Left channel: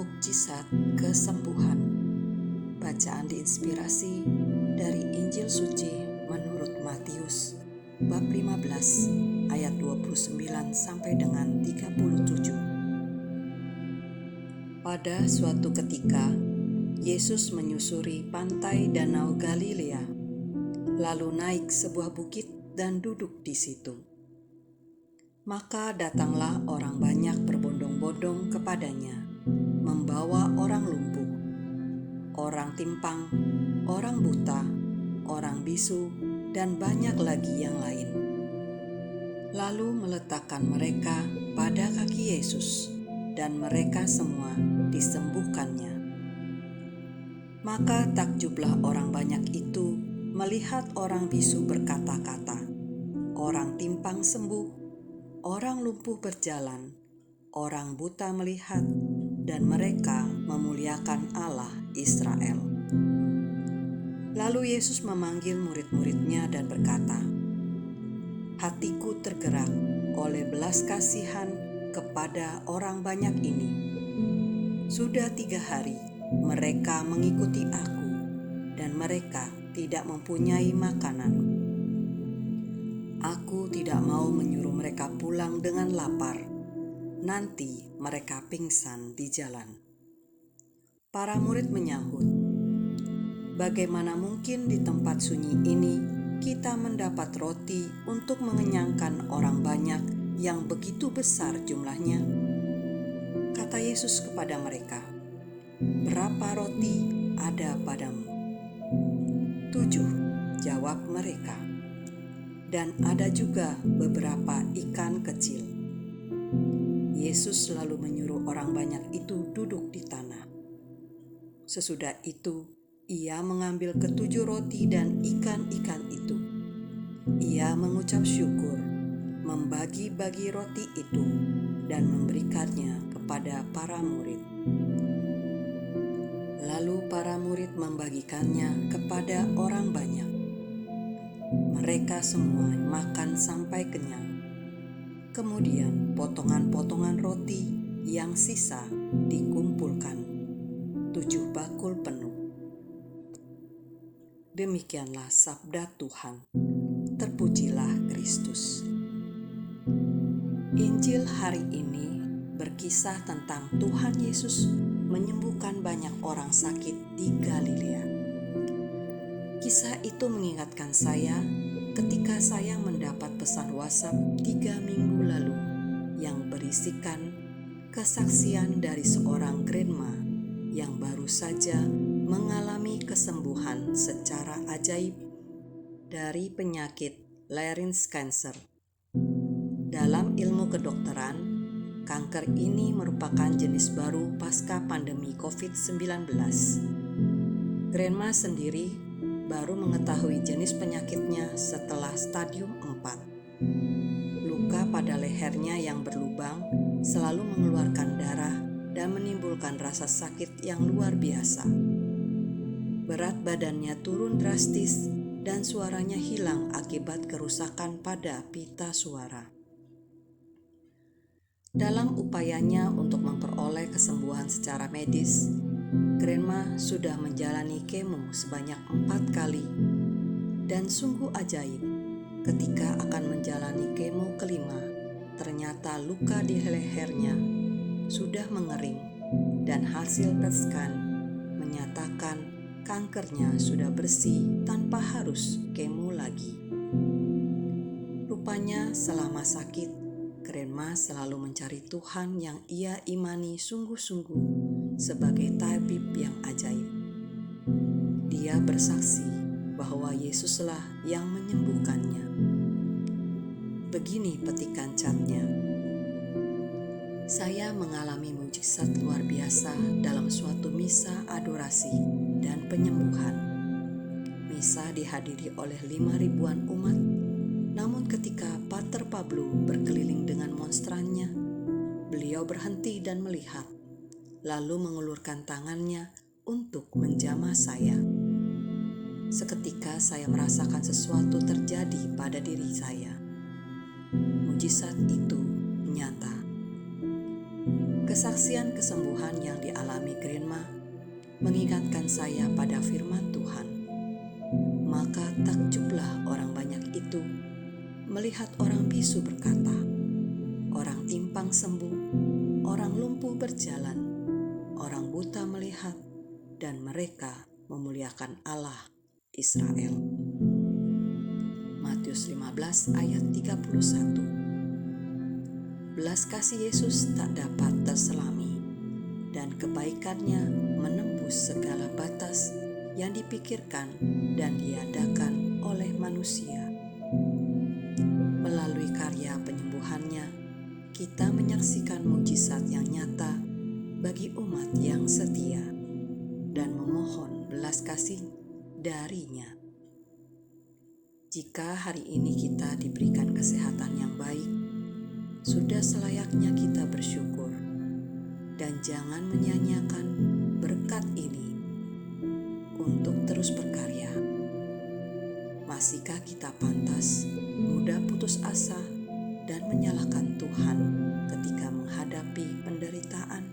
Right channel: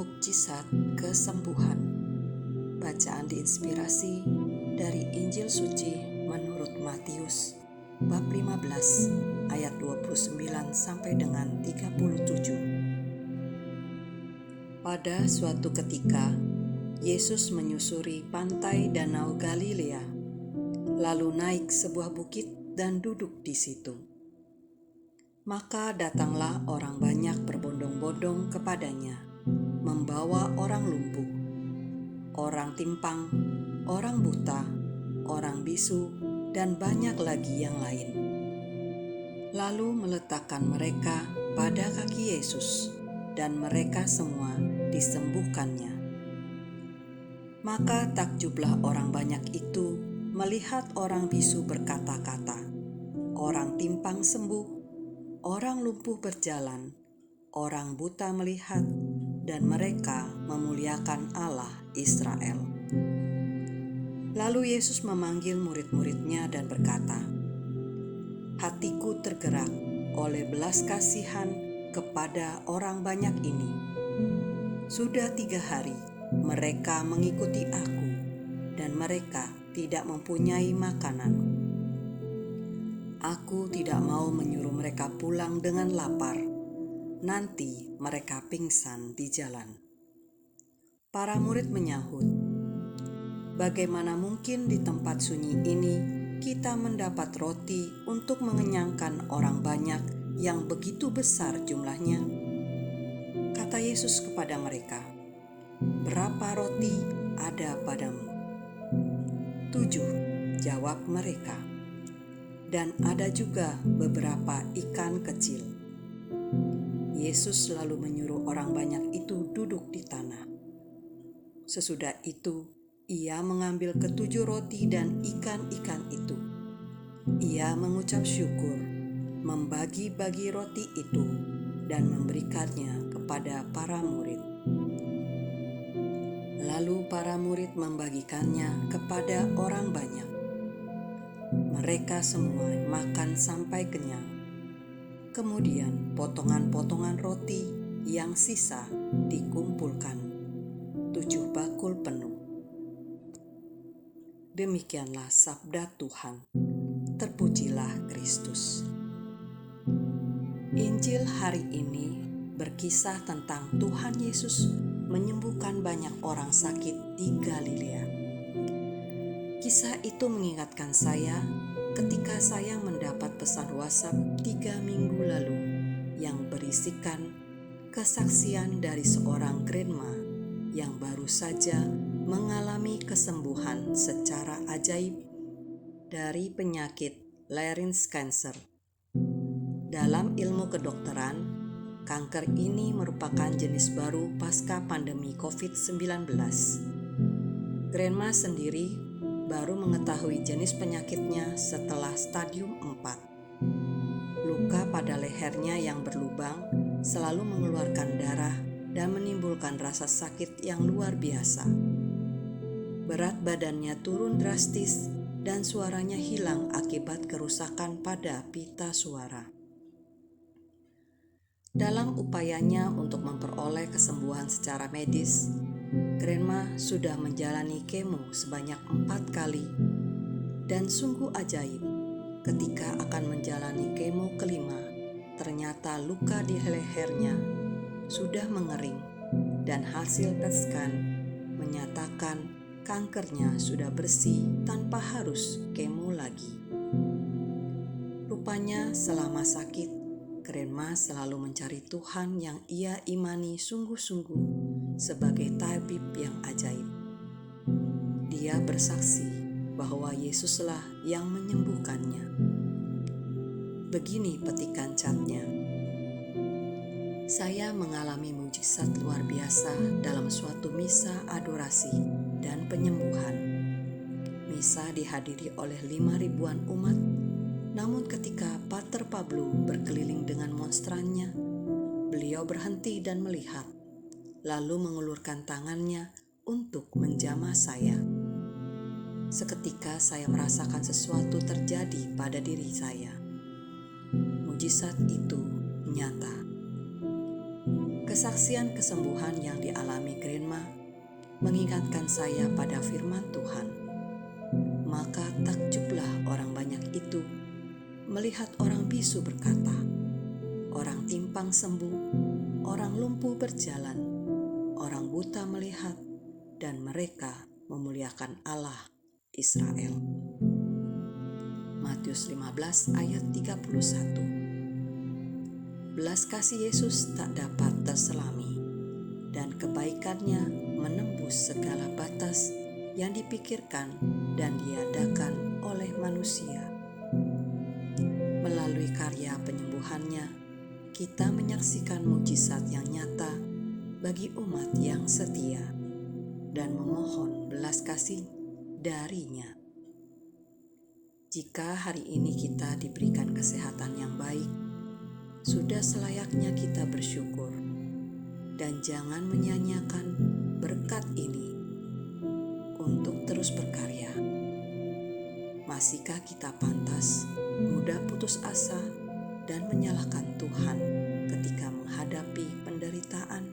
Mukjizat kesembuhan. Bacaan diinspirasi dari Injil Suci menurut Matius bab 15 ayat 29 sampai dengan 37. Pada suatu ketika, Yesus menyusuri pantai Danau Galilea, lalu naik sebuah bukit dan duduk di situ. Maka datanglah orang banyak berbondong-bondong kepadanya, membawa orang lumpuh, orang timpang, orang buta, orang bisu, dan banyak lagi yang lain. Lalu meletakkan mereka pada kaki Yesus, dan mereka semua disembuhkannya. Maka takjublah orang banyak itu melihat orang bisu berkata-kata, orang timpang sembuh, orang lumpuh berjalan, orang buta melihat, dan mereka memuliakan Allah Israel. Lalu Yesus memanggil murid-muridnya dan berkata, "Hatiku tergerak oleh belas kasihan kepada orang banyak ini. Sudah 3 hari mereka mengikuti aku, dan mereka tidak mempunyai makanan. Aku tidak mau menyuruh mereka pulang dengan lapar. Nanti mereka pingsan di jalan." Para murid menyahut, "Bagaimana mungkin di tempat sunyi ini kita mendapat roti untuk mengenyangkan orang banyak yang begitu besar jumlahnya?" Kata Yesus kepada mereka, "Berapa roti ada padamu?" 7, jawab mereka. "Dan ada juga beberapa ikan kecil." Yesus lalu menyuruh orang banyak itu duduk di tanah. Sesudah itu, Ia mengambil ke-7 roti dan ikan-ikan itu. Ia mengucap syukur, membagi-bagi roti itu, dan memberikannya kepada para murid. Lalu para murid membagikannya kepada orang banyak. Mereka semua makan sampai kenyang. Kemudian potongan-potongan roti yang sisa dikumpulkan, 7 bakul penuh. Demikianlah sabda Tuhan. Terpujilah Kristus. Injil hari ini berkisah tentang Tuhan Yesus menyembuhkan banyak orang sakit di Galilea. Kisah itu mengingatkan saya ketika saya mendapat pesan WhatsApp 3 minggu lalu yang berisikan kesaksian dari seorang grandma yang baru saja mengalami kesembuhan secara ajaib dari penyakit larynx cancer. Dalam ilmu kedokteran, kanker ini merupakan jenis baru pasca pandemi COVID-19. Grandma sendiri baru mengetahui jenis penyakitnya setelah stadium 4. Luka pada lehernya yang berlubang selalu mengeluarkan darah dan menimbulkan rasa sakit yang luar biasa. Berat badannya turun drastis dan suaranya hilang akibat kerusakan pada pita suara. Dalam upayanya untuk memperoleh kesembuhan secara medis, Grandma sudah menjalani kemo sebanyak 4 kali, dan sungguh ajaib ketika akan menjalani kemo kelima, ternyata luka di lehernya sudah mengering dan hasil PET scan menyatakan kankernya sudah bersih tanpa harus kemo lagi. Rupanya selama sakit, Grandma selalu mencari Tuhan yang ia imani sungguh-sungguh sebagai tabib yang ajaib. Dia bersaksi bahwa Yesuslah yang menyembuhkannya. Begini petikan catnya, "Saya mengalami mukjizat luar biasa dalam suatu misa adorasi dan penyembuhan. Misa dihadiri oleh 5.000-an umat. Namun ketika Pater Pablo berkeliling dengan monstrannya, beliau berhenti dan melihat, lalu mengulurkan tangannya untuk menjamah saya. Seketika saya merasakan sesuatu terjadi pada diri saya. Mukjizat itu nyata." Kesaksian kesembuhan yang dialami Grandma mengingatkan saya pada firman Tuhan. Maka takjublah orang banyak itu melihat orang bisu berkata, orang timpang sembuh, orang lumpuh berjalan, orang buta melihat, dan mereka memuliakan Allah Israel. Matius 15 ayat 31. Belas kasih Yesus tak dapat terselami, dan kebaikannya menembus segala batas yang dipikirkan dan diadakan oleh manusia. Melalui karya penyembuhannya, kita menyaksikan mujizat yang nyata bagi umat yang setia dan memohon belas kasih darinya. Jika hari ini kita diberikan kesehatan yang baik, sudah selayaknya kita bersyukur dan jangan menyia-nyiakan berkat ini untuk terus berkarya. Masihkah kita pantas mudah putus asa dan menyalahkan Tuhan ketika menghadapi penderitaan?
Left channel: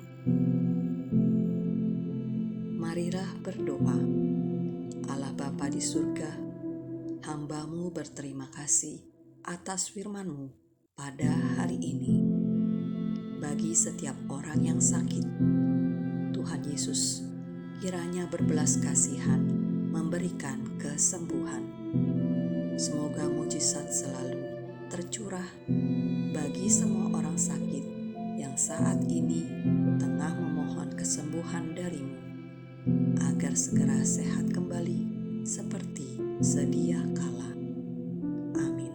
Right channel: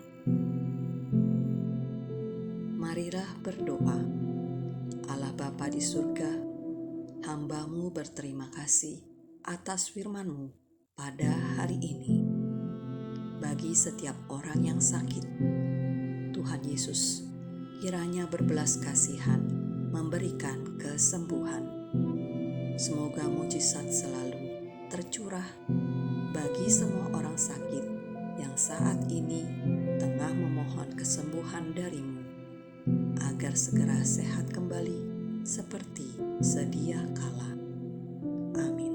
Marilah berdoa. Allah Bapa di surga, hamba-Mu berterima kasih atas firman-Mu pada hari ini. Bagi setiap orang yang sakit, Tuhan Yesus kiranya berbelas kasihan memberikan kesembuhan. Semoga mujizat selalu tercurah bagi semua orang sakit yang saat ini tengah memohon kesembuhan dari-Mu, agar segera sehat kembali seperti sedia kala. Amin.